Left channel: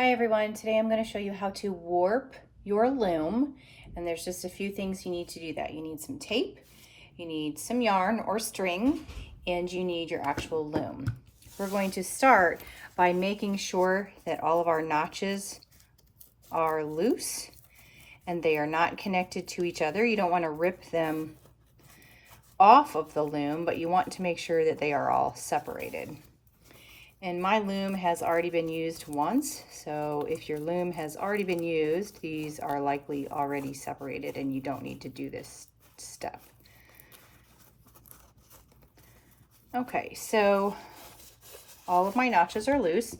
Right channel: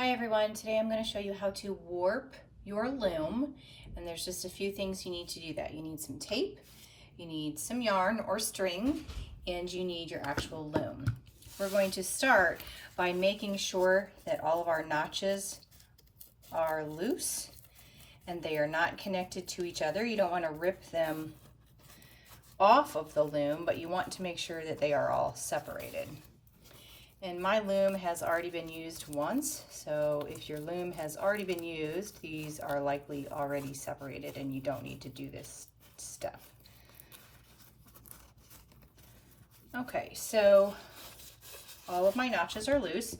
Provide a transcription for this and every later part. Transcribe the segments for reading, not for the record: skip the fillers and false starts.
Hi everyone, today I'm going to show you how to warp your loom, and there's just a few things you need to do that. You need some tape, you need some yarn or string, and you need your actual loom. We're going to start by making sure that all of our notches are loose and they are not connected to each other. You don't want to rip them off of the loom, but you want to make sure that they are all separated. And my loom has already been used once, so if your loom has already been used, these are likely already separated and you don't need to do this step. Okay, so all of my notches are loose,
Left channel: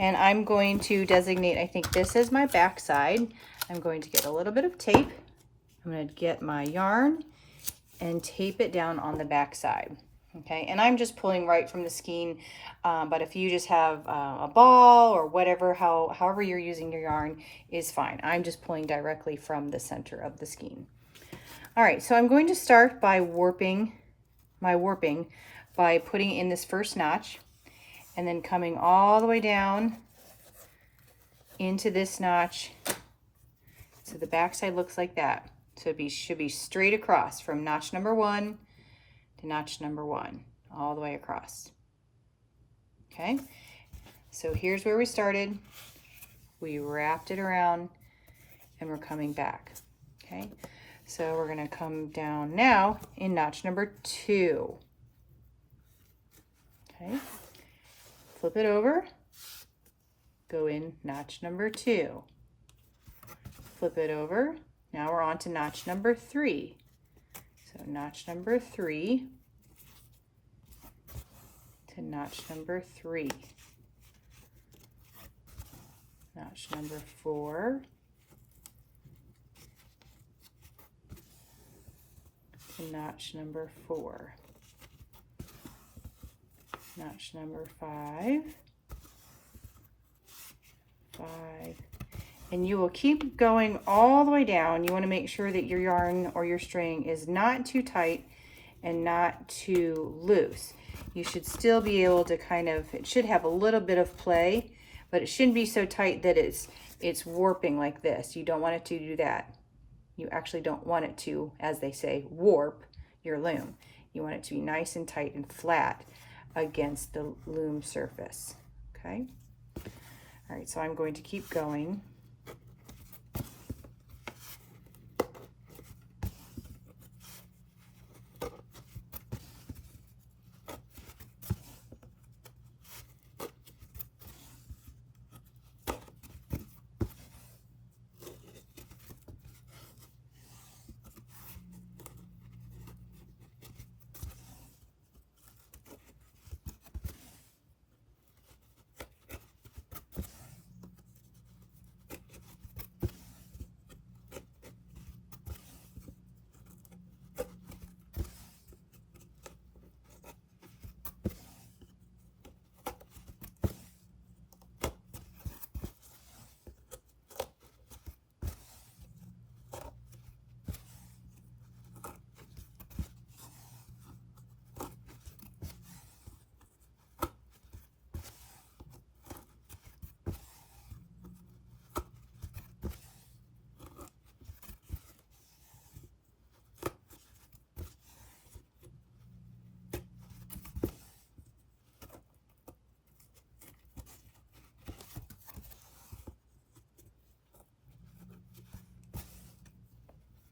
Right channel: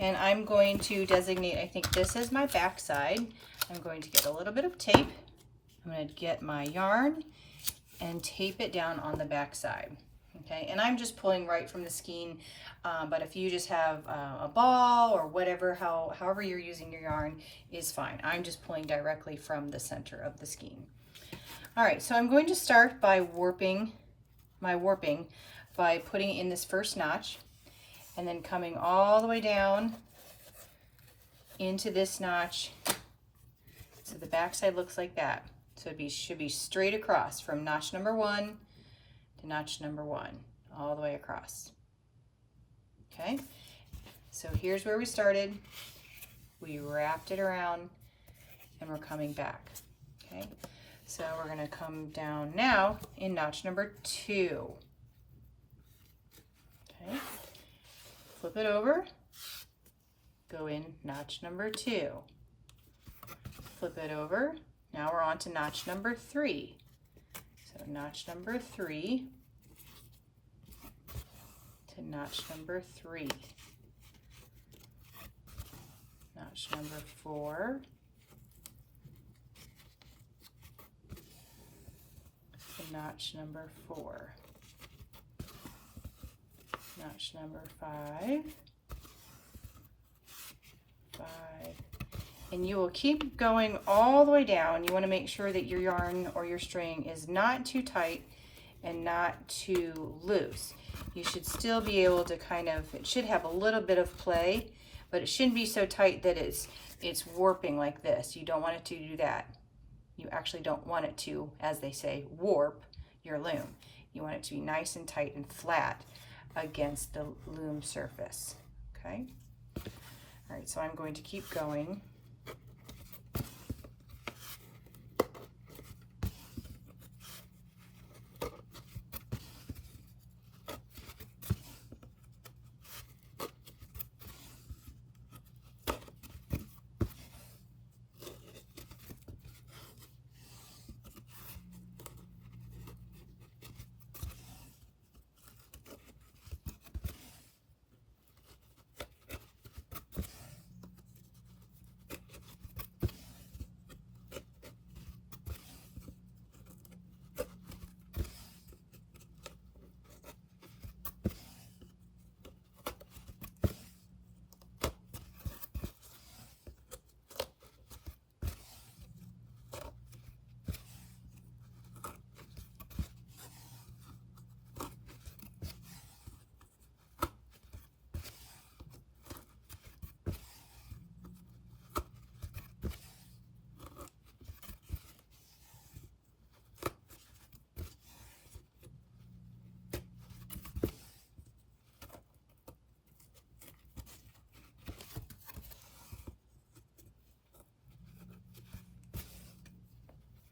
and I'm going to designate, I think this is my back side. I'm going to get a little bit of tape. I'm going to get my yarn and tape it down on the back side. Okay, and I'm just pulling right from the skein, but if you just have a ball or whatever, however you're using your yarn is fine. I'm just pulling directly from the center of the skein. All right, so I'm going to start by warping by putting in this first notch and then coming all the way down into this notch. So the back side looks like that. So it should be straight across from notch number 1 to notch number 1, all the way across. Okay, so here's where we started. We wrapped it around and we're coming back. Okay, so we're going to come down now in notch number 2. Okay, flip it over, go in notch number 2, flip it over. Now we're on to notch number 3. So notch number 3 to notch number 3, notch number 4, to notch number 4, notch number 5, and you will keep going all the way down. You want to make sure that your yarn or your string is not too tight and not too loose. You should still be able to it should have a little bit of play, but it shouldn't be so tight that it's warping like this. You don't want it to do that. You actually don't want it to, as they say, warp your loom. You want it to be nice and tight and flat against the loom surface. Okay? All right, so I'm going to keep going.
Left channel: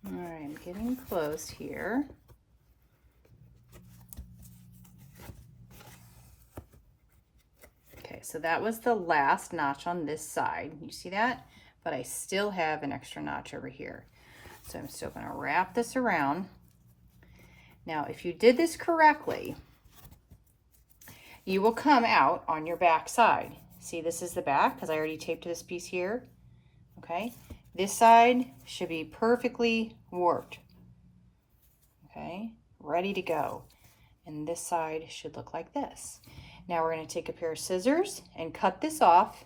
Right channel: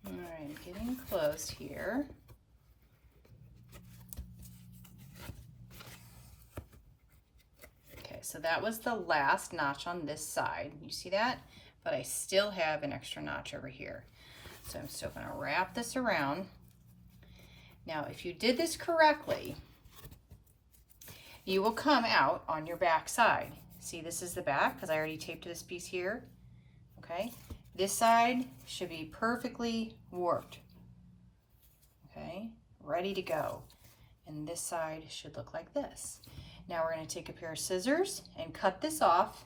All right, I'm getting close here. Okay, so that was the last notch on this side. You see that? But I still have an extra notch over here. So I'm still going to wrap this around. Now, if you did this correctly, you will come out on your back side. See, this is the back because I already taped this piece here. Okay, this side should be perfectly warped. Okay, ready to go. And this side should look like this. Now we're going to take a pair of scissors and cut this off.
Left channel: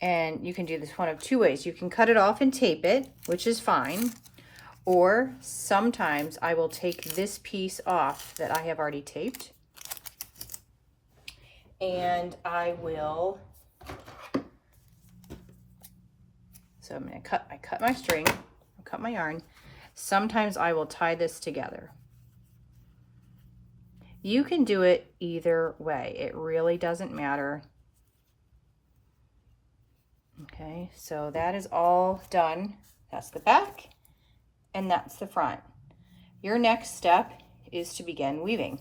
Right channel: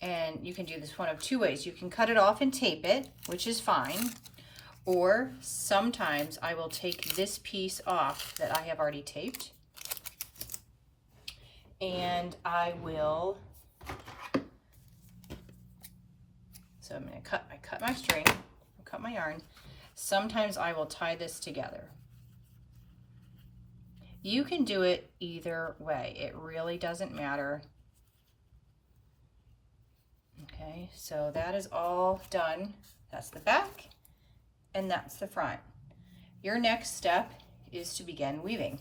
And you can do this one of two ways. You can cut it off and tape it, which is fine. Or sometimes I will take this piece off that I have already taped and I will, so I'm going to cut my string, cut my yarn. Sometimes I will tie this together. You can do it either way. It really doesn't matter. Okay, so that is all done. That's the back and that's the front. Your next step is to begin weaving.